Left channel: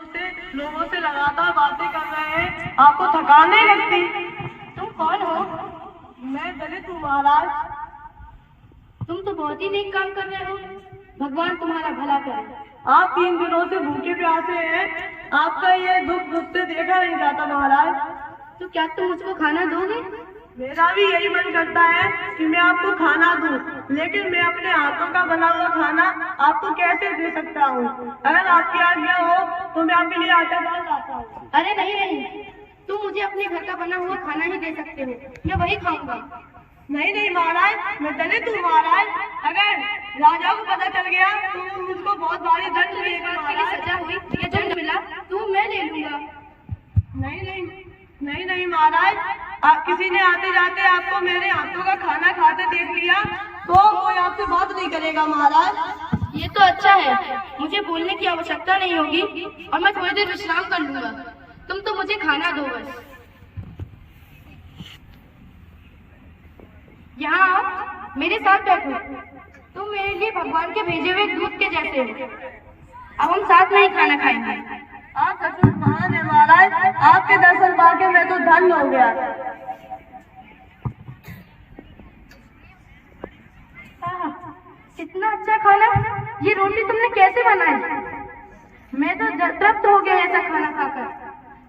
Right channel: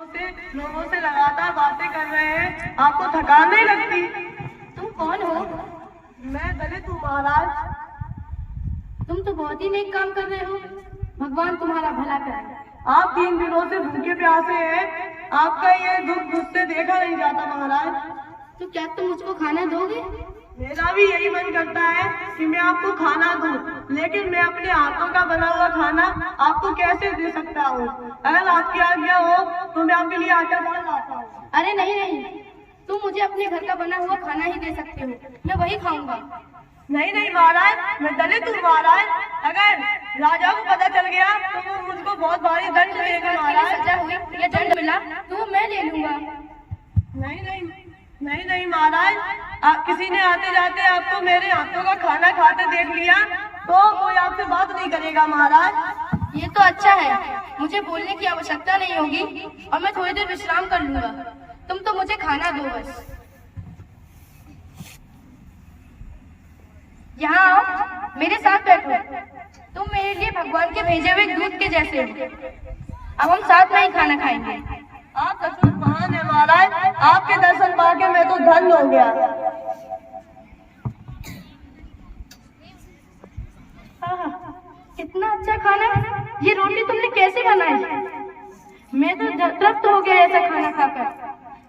लोगों से लगातार बातें कर रहे हैं, आपको थकान नहीं लगती? तुम कौन हो? मैं दलित हूँ महाराज। तुम तो बहुत ही नेक काम कर रहे हो, भगवान तुम्हारा भला करे। आप 3 दिनों से भूखे प्यासे हैं, आपका ये दुख मुझसे देखा नहीं जाता महाराज। तो क्या तुम मुझको खाना दोगे? मेरा भी यही मन करता है कि मैं आपको खाना दूं, लेकिन मैं अपने हाथों का बना हुआ खाना आपको कैसे दे सकता हूँ? अगर आपकी आज्ञा हो तो मैं आपके लिए आटा दाल लाता हूँ। अरे नहीं नहीं, तुम मुझे अपने घर का बना हुआ खाना ही दे सकते हो, मैं वही खाऊंगा। नहीं नहीं महाराज, मैं दलित हूँ महाराज। अगर राजा को पता चल गया तो वो मुझको बहुत भारी दंड देगा महाराज। सजा हुई या दंड मिला तो मैं ले लूंगा। नहीं नहीं नहीं नहीं महाराज, किसी ने आते जाते आपको मेरे हाथों का खाना खाते देख लिया तो कोई आपसे बात नहीं करेगा महाराज। ये तो अच्छा है, मुझे बोलने की आवश्यकता नहीं होगी और मैं थोड़ी देर विश्राम कर लूंगा। तुम तो मुझे खाना दो बस। यहाँ आओ, मेरे साथ बैठो। तुम मेरे लिए भगवान के भेजे हुए दूध के जैसे हो। अब हम साथ में ही खाना खाएंगे। आप सचमुच महान है महाराज, आपके दर्शन पाके मैं तो धन्य हो गया। कितना अच्छा खाना, ये रोटी तुमने कैसे बनाई? मैं तो तृप्त हो गया ऐसा खाना खाकर।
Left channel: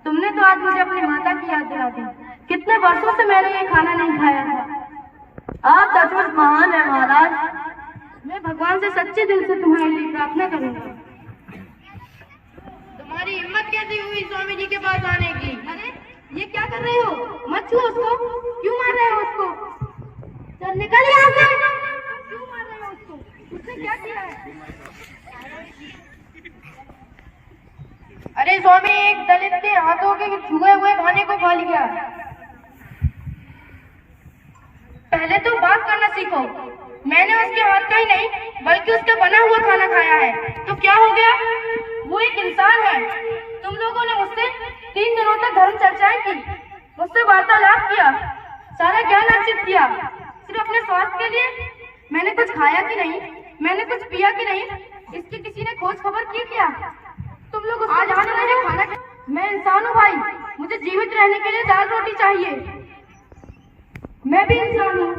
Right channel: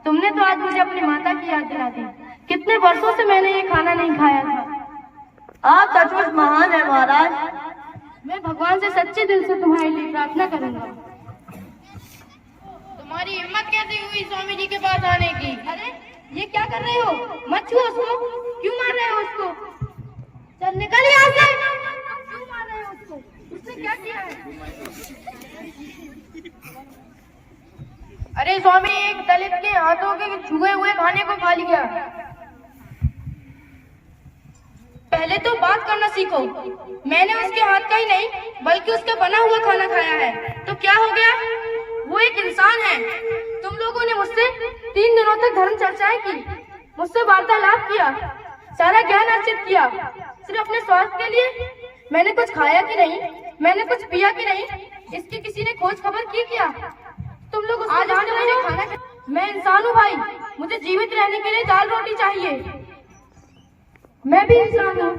तुमने तो आज मुझे अपनी माता की याद दिला दी। कितने वर्षों से मैंने ये खाना नहीं खाया था। आप सचमुच महान है महाराज। मैं भगवान से सच्चे दिल से तुम्हारे लिए प्रार्थना करूंगा। तुम्हारी हिम्मत कैसी हुई स्वामी जी के पास आने की? अरे ये क्या कर रहे हो? मत छुओ उसको। क्यों मार रहे हो उसको? चल निकल यहाँ से। क्यों मार रहे हो उसको? उसने क्या किया है? अरे स्वामी, एक दलित के हाथों के छुए हुए खाने को खा लिया। पहले तो बात करना सीखो। मैंने उसके हाथ का ही नहीं बल्कि उसका बना हुआ खाना खाया है, तो क्या हो गया? वो एक इंसान है। तुम लोगों ने मुझसे 3 दिनों तक धर्म चर्चाएं की, मुझसे वार्तालाप किया, सारा ज्ञान अर्जित किया, सिर्फ अपने स्वास्थ्य के लिए। मैंने कुछ खाया कि नहीं, मैंने कुछ पिया कि नहीं, इसकी किसी ने खोज खबर की क्या? तुम लोग आज मुझे खाना। मैं इंसान हूँ भाई, मुझे जीवित रहने के लिए दाल रोटी चाहिए। मैं भी इंसान हूँ,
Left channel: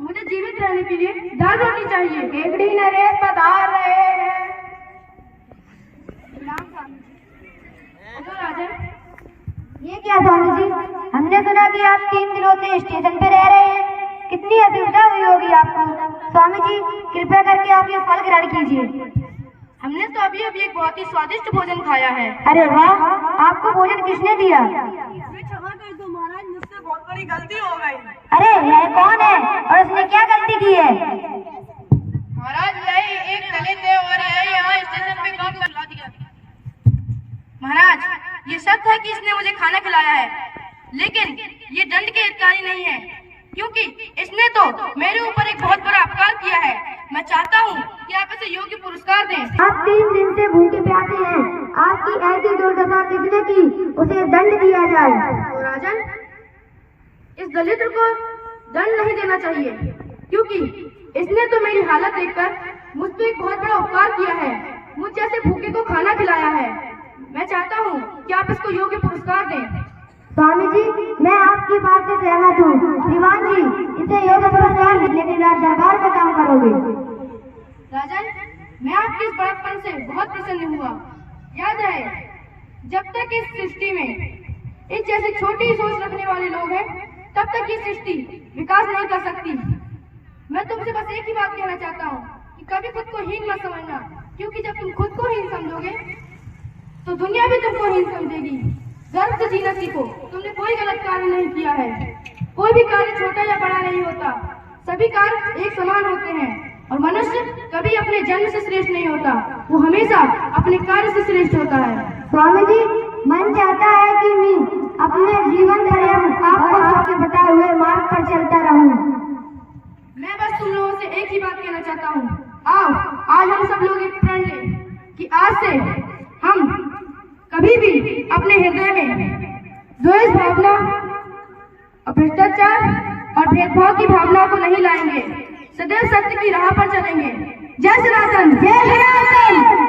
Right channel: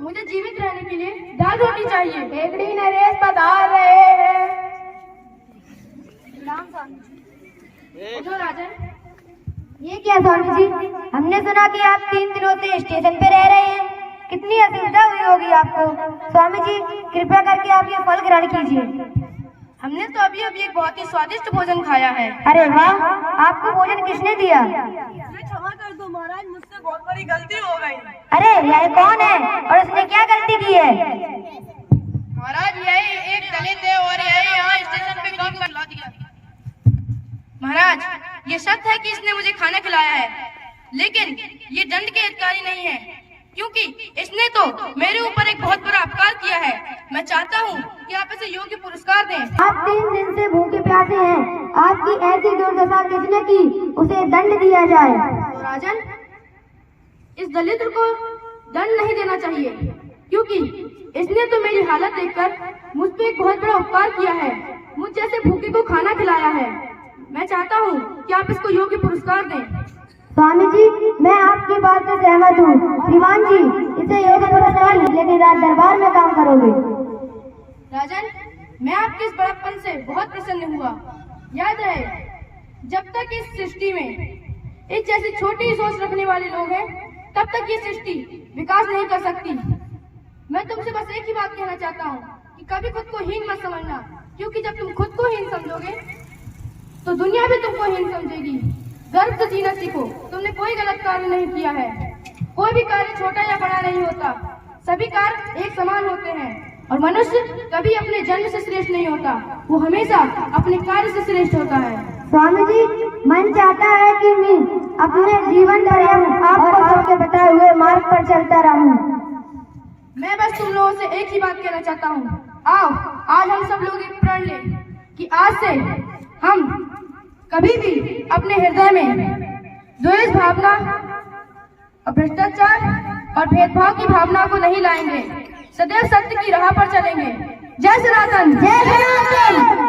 मुझे जीवित रहने के लिए दाल रोटी चाहिए। केकड़ी नरेश पधार रहे हैं। जो राजन, ये क्या स्वामी जी, हमने सुना कि आप 3 दिनों से स्टेशन पे रह रहे हैं। कितनी असुविधा हुई होगी आपको। स्वामी जी, कृपया करके आप ये फल ग्रहण कीजिए। हमने तो अभी अभी एक बहुत ही स्वादिष्ट भोजन खाया है। अरे वाह, आपको भोजन किसने दिया? क्षमा कर दो महाराज, मुझसे बहुत बड़ी गलती हो गई। अरे यह कौन है और उसने क्या गलती की है? महाराज, यही एक दलित है और यही यहाँ स्टेशन पे काम कर ला दिया। महाराज, ये सत्य है कि इसने मुझे खाना खिलाया है, लेकिन ये दंड के हितकारी नहीं है, क्योंकि इसने तो मेरे ऊपर एक बहुत बड़ा अपकार किया है। मैं चाहता हूँ कि आप इसे योग्य पुरस्कार दें। आप 3 दिन से भूखे प्यासे हैं, आपकी ऐसी दुर्दशा किसने की, उसे दंड दिया जाए। तो राजन, इस दलित को दंड नहीं देना चाहिए, क्योंकि इसने तो मेरी हालत देखकर मुझ पर एक बहुत बड़ा उपकार किया है, मुझ जैसे भूखे को खाना खिलाया है। मैं चाहता हूँ कि आप इसको योग्य पुरस्कार दें। स्वामी जी, मैं आपकी बात से सहमत हूँ। दीवान जी, इसे योग्य पुरस्कार, लेकिन राज दरबार में काम करोगे। राजन, मैं आपके इस बड़प्पन से बहुत प्रसन्न हुआ। याद रहे, जब तक इस सृष्टि में इस जैसे छोटी सोच रखने वाले लोग हैं, तब तक ये सृष्टि विकास नहीं कर सकती। मैं तुमसे बस एक ही बात कहना चाहता हूँ कि कभी खुद को हीन मत समझना, क्योंकि जब तुम खुद को हीन समझोगे तो दुनिया भी तुमको हीन समझेगी। गर्व से जीना सीखो। तुमने कोई गलत कार्य नहीं किया है। कोई भी कार्य छोटा या बड़ा नहीं होता, सभी कार्य एक समान होते हैं, और मनुष्य कभी अपने जन्म से श्रेष्ठ नहीं होता, वो हमेशा अपने कार्य से श्रेष्ठ होता है। स्वामी जी, मन चाहता है कि मैं अपने जीवन पर्यंत आपको सबके बताए हुए मार्ग पर चलता रहूं। मैं बस तुम लोगों से एक ही बात कहना चाहता हूँ। आओ, आज हम सब लोग एक प्रण लें कि आज से हम कभी भी अपने हृदय में द्वेष भावना, भ्रष्टाचार और भेदभाव की भावना को नहीं लाएंगे। सदैव सत्य की राह पर चलेंगे। जय सनातन, जय सनातन।